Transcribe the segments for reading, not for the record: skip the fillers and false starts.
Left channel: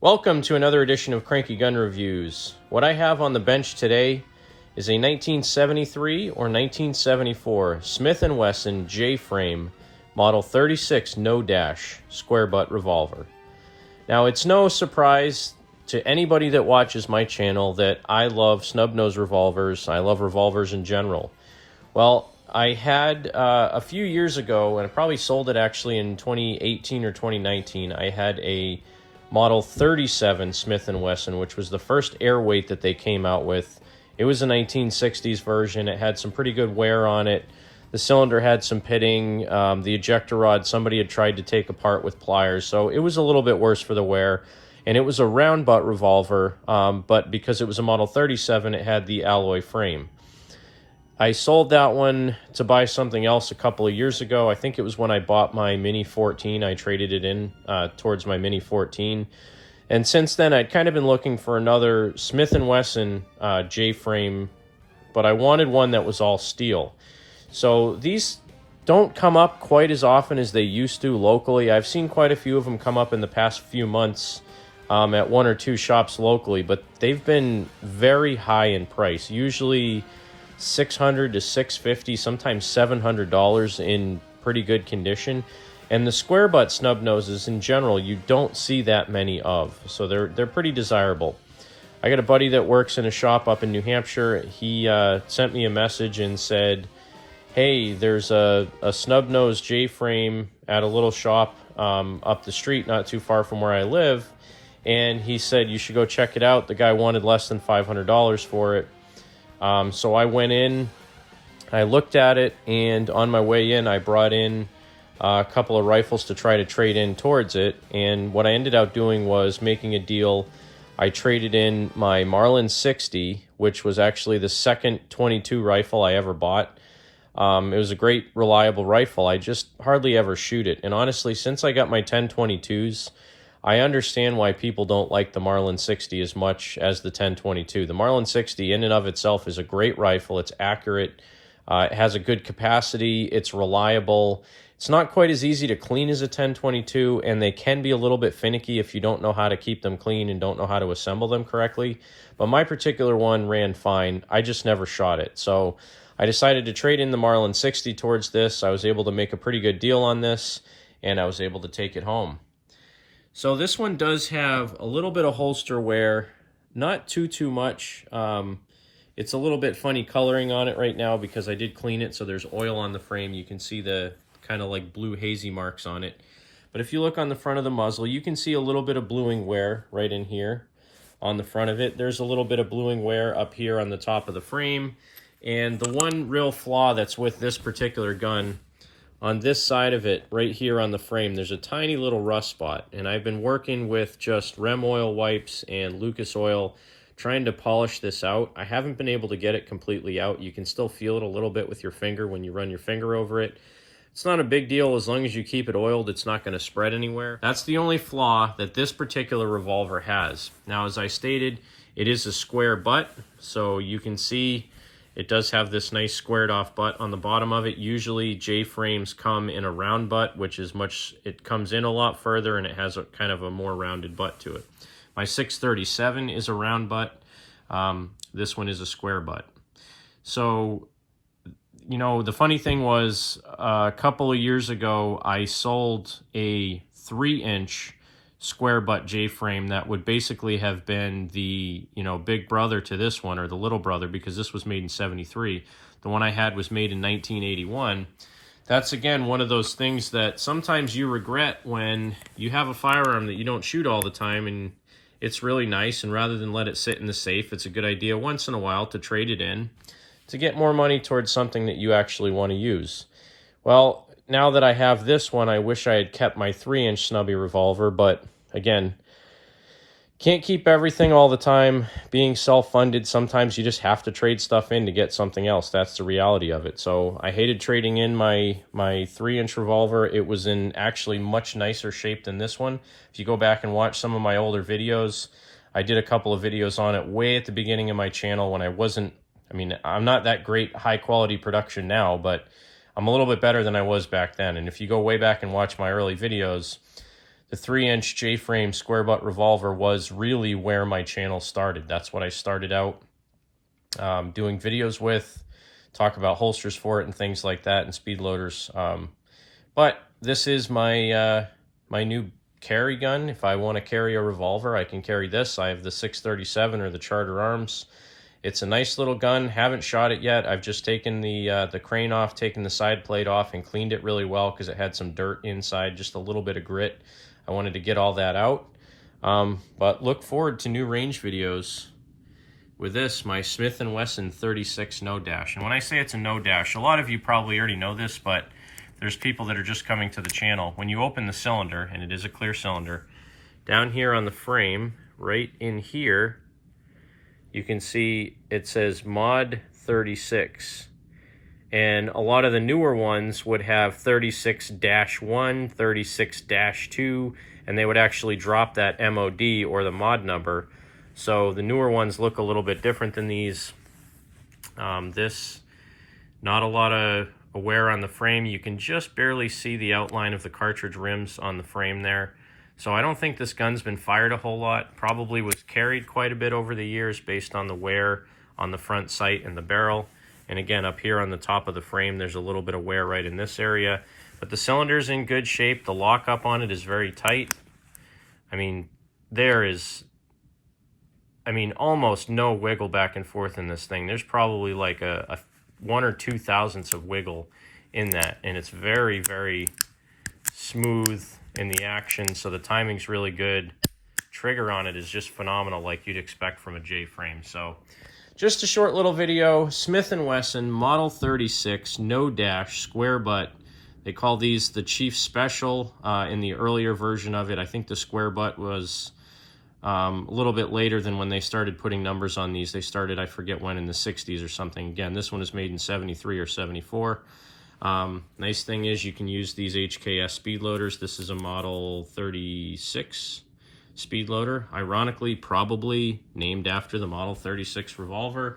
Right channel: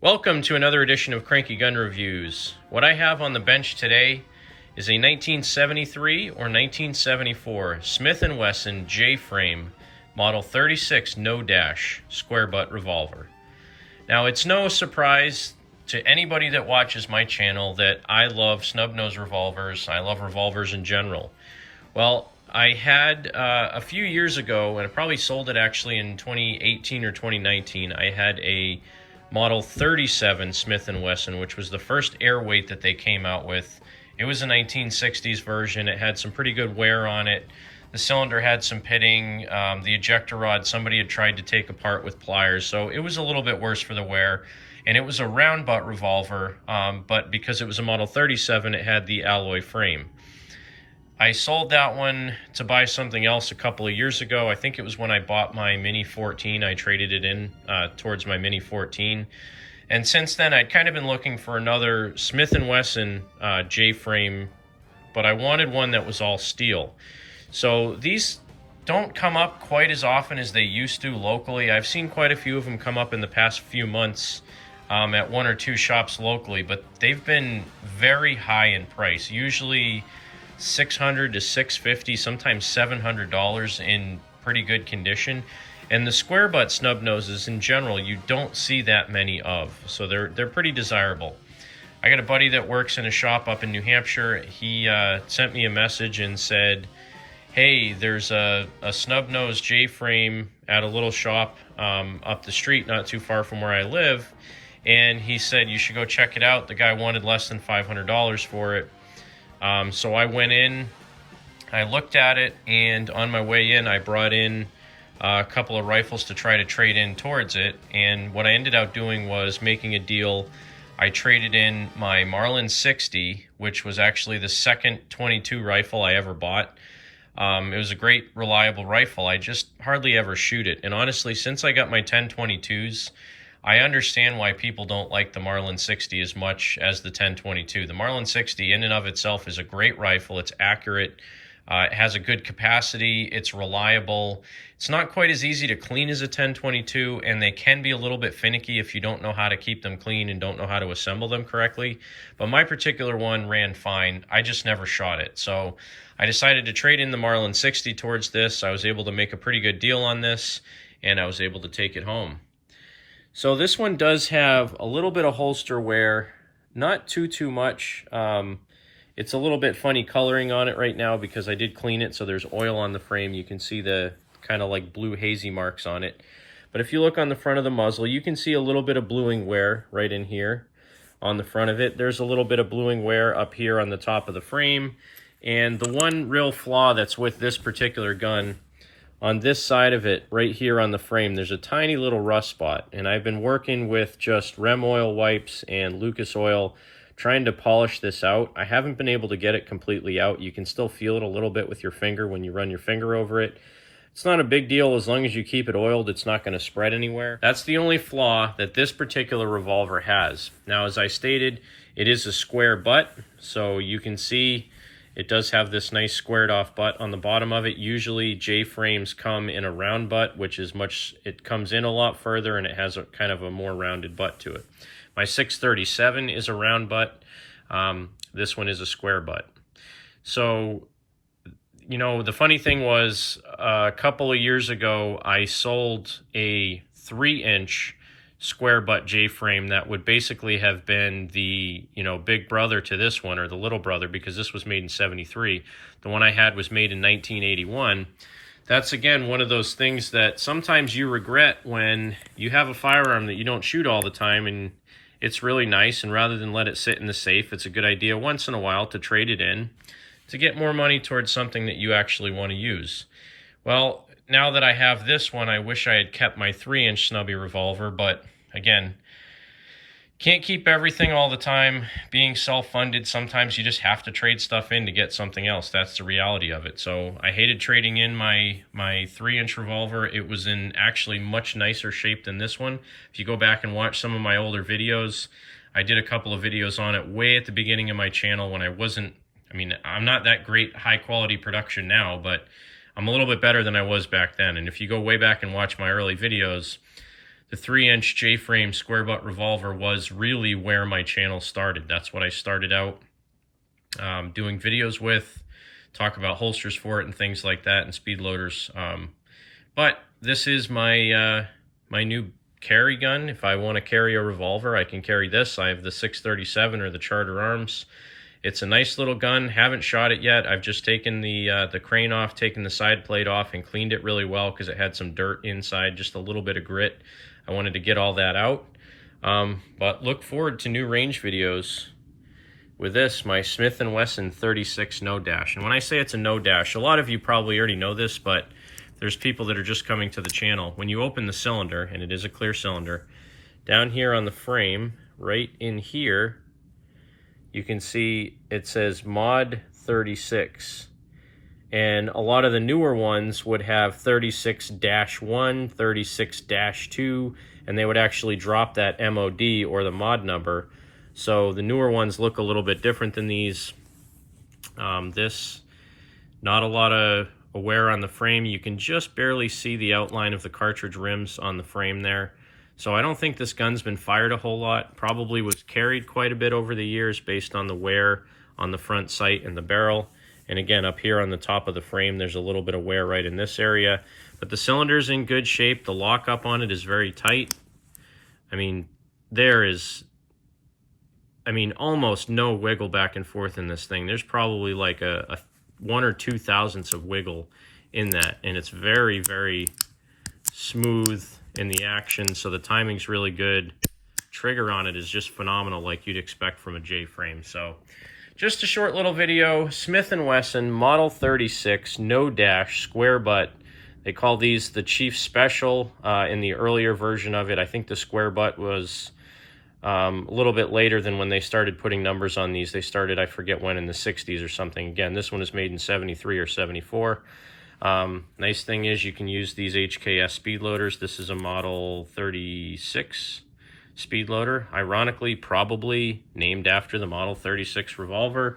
Welcome to another edition of Cranky Gun Reviews. What I have on the bench today is a 1973 or 1974 Smith & Wesson J-frame model 36 no dash square butt revolver. Now, it's no surprise to anybody that watches my channel that I love snub-nose revolvers. I love revolvers in general. Well, I had a few years ago, and I probably sold it actually in 2018 or 2019, I had a Model 37 Smith & Wesson, which was the first airweight that they came out with. It was a 1960s version. It had some pretty good wear on it. The cylinder had some pitting. The ejector rod, somebody had tried to take apart with pliers, so it was a little bit worse for the wear. And it was a round butt revolver, but because it was a Model 37, it had the alloy frame. I sold that one to buy something else a couple of years ago. I think it was when I bought my Mini 14. I traded it in towards my Mini 14. And since then, I'd kind of been looking for another Smith & Wesson J-frame, but I wanted one that was all steel. So these don't come up quite as often as they used to locally. I've seen quite a few of them come up in the past few months at one or two shops locally, but they've been very high in price. Usually $600 to $650, sometimes $700 in pretty good condition. And the square butt snub noses in general, you don't see that many of, so they're pretty desirable. I got a buddy that works in a shop up in New Hampshire. He sent me a message and said, hey, there's a snub nose J-frame at a little shop up the street, not too far from where I live. And he said, you should go check it out. The guy wanted less than $500 for it. So I went in, I looked at it, and on my way in, I brought in a couple of rifles to try to trade in towards it. And what I ended up doing was making a deal. I traded in my Marlin 60, which was actually the second .22 rifle I ever bought. It was a great, reliable rifle. I just hardly ever shoot it. And honestly, since I got my 10.22s, I understand why people don't like the Marlin 60 as much as the 10.22. The Marlin 60 in and of itself is a great rifle. It's accurate. It has a good capacity. It's reliable. It's not quite as easy to clean as a 10.22, and they can be a little bit finicky if you don't know how to keep them clean and don't know how to assemble them correctly. But my particular one ran fine. I just never shot it. So I decided to trade in the Marlin 60 towards this. I was able to make a pretty good deal on this, and I was able to take it home. So this one does have a little bit of holster wear, not too much. It's a little bit funny coloring on it right now because I did clean it, so there's oil on the frame. You can see the kind of like blue hazy marks on it. But if you look on the front of the muzzle, you can see a little bit of bluing wear right in here on the front of it. There's a little bit of bluing wear up here on the top of the frame. And the one real flaw that's with this particular gun, on this side of it, right here on the frame, there's a tiny little rust spot. And I've been working with just Rem oil wipes and Lucas oil trying to polish this out. I haven't been able to get it completely out. You can still feel it a little bit with your finger when you run your finger over it. It's not a big deal as long as you keep it oiled. It's not going to spread anywhere. That's the only flaw that this particular revolver has. Now, as I stated, it is a square butt, so you can see it does have this nice squared off butt on the bottom of it. Usually J-frames come in a round butt, which is it comes in a lot further and it has a kind of a more rounded butt to it. My 637 is a round butt. This one is a square butt. So, you know, the funny thing was a couple of years ago, I sold a 3-inch square butt J-frame that would basically have been the, you know, big brother to this one, or the little brother, because this was made in 73. The one I had was made in 1981. That's, again, one of those things that sometimes you regret when you have a firearm that you don't shoot all the time and it's really nice, and rather than let it sit in the safe, it's a good idea once in a while to trade it in to get more money towards something that you actually want to use. Well, now that I have this one, I wish I had kept my 3-inch snubby revolver, but again, can't keep everything all the time. Being self-funded, sometimes you just have to trade stuff in to get something else. That's the reality of it. So I hated trading in my 3-inch revolver. It was in actually much nicer shape than this one. If you go back and watch some of my older videos, I did a couple of videos on it way at the beginning of my channel when I'm not that great high-quality production now, but I'm a little bit better than I was back then. And if you go way back and watch my early videos, the 3-inch J-frame square butt revolver was really where my channel started. That's what I started out doing videos with, talk about holsters for it and things like that, and speed loaders. But this is my my new carry gun. If I want to carry a revolver, I can carry this. I have the 637 or the Charter Arms. It's a nice little gun. Haven't shot it yet. I've just taken the crane off, taken the side plate off, and cleaned it really well because it had some dirt inside, just a little bit of grit. I wanted to get all that out. But look forward to new range videos with this, my Smith & Wesson 36 no dash. And when I say it's a no dash, a lot of you probably already know this, but there's people that are just coming to the channel. When you open the cylinder, and it is a clear cylinder, down here on the frame, right in here, you can see it says Mod 36. And a lot of the newer ones would have 36-1, 36-2, and they would actually drop that MOD or the mod number. So the newer ones look a little bit different than these. This, not a lot of wear on the frame. You can just barely see the outline of the cartridge rims on the frame there. So I don't think this gun's been fired a whole lot. Probably was carried quite a bit over the years based on the wear on the front sight and the barrel. And again, up here on the top of the frame, there's a little bit of wear right in this area. But the cylinder's in good shape. The lockup on it is very tight. I mean, there is, almost no wiggle back and forth in this thing. There's probably like a 1 or 2 thousandths of wiggle in that. And it's very, very smooth in the action. So the timing's really good. Trigger on it is just phenomenal, like you'd expect from a J-frame. So just a short little video. Smith & Wesson Model 36 no dash square butt. They call these the Chief Special in the earlier version of it. I think the square butt was a little bit later than when they started putting numbers on these. They started, I forget when, in the 60s or something. Again, this one is made in 73 or 74. Nice thing is you can use these HKS speed loaders. This is a Model 36 speed loader, ironically probably named after the Model 36 revolver.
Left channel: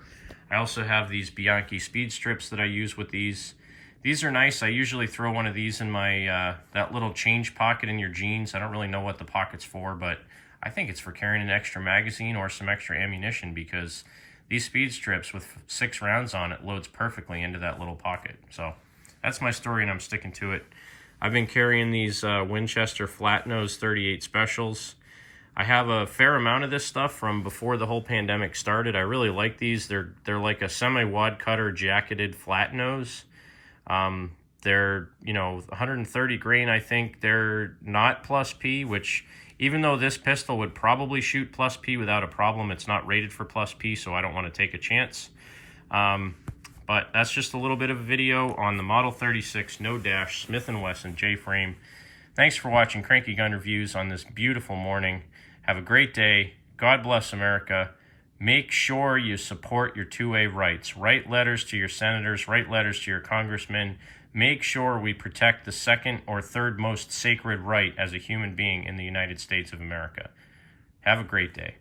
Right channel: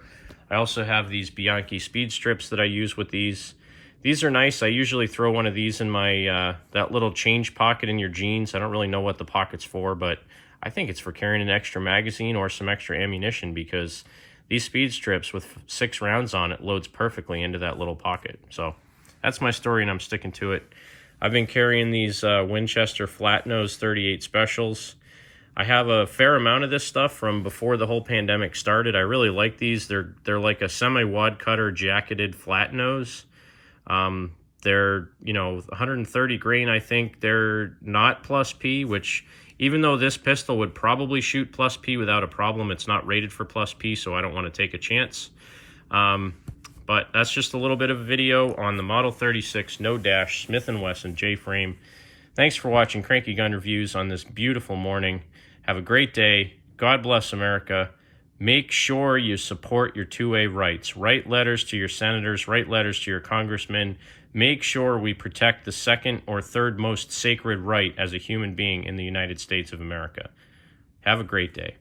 I also have these Bianchi speed strips that I use with these. These are nice. I usually throw one of these in my that little change pocket in your jeans. I don't really know what the pocket's for, but I think it's for carrying an extra magazine or some extra ammunition, because these speed strips with 6 rounds on it loads perfectly into that little pocket. So that's my story, and I'm sticking to it. I've been carrying these Winchester flat nose 38 specials. I have a fair amount of this stuff from before the whole pandemic started. I really like these. They're like a semi-wad cutter jacketed flat nose. They're, 130 grain, I think. They're not plus P, which even though this pistol would probably shoot plus P without a problem, it's not rated for plus P, so I don't want to take a chance. But that's just a little bit of a video on the Model 36 no dash Smith & Wesson J-frame. Thanks for watching Cranky Gun Reviews on this beautiful morning. Have a great day. God bless America. Make sure you support your 2A rights. Write letters to your senators. Write letters to your congressmen. Make sure we protect the second or third most sacred right as a human being in the United States of America. Have a great day.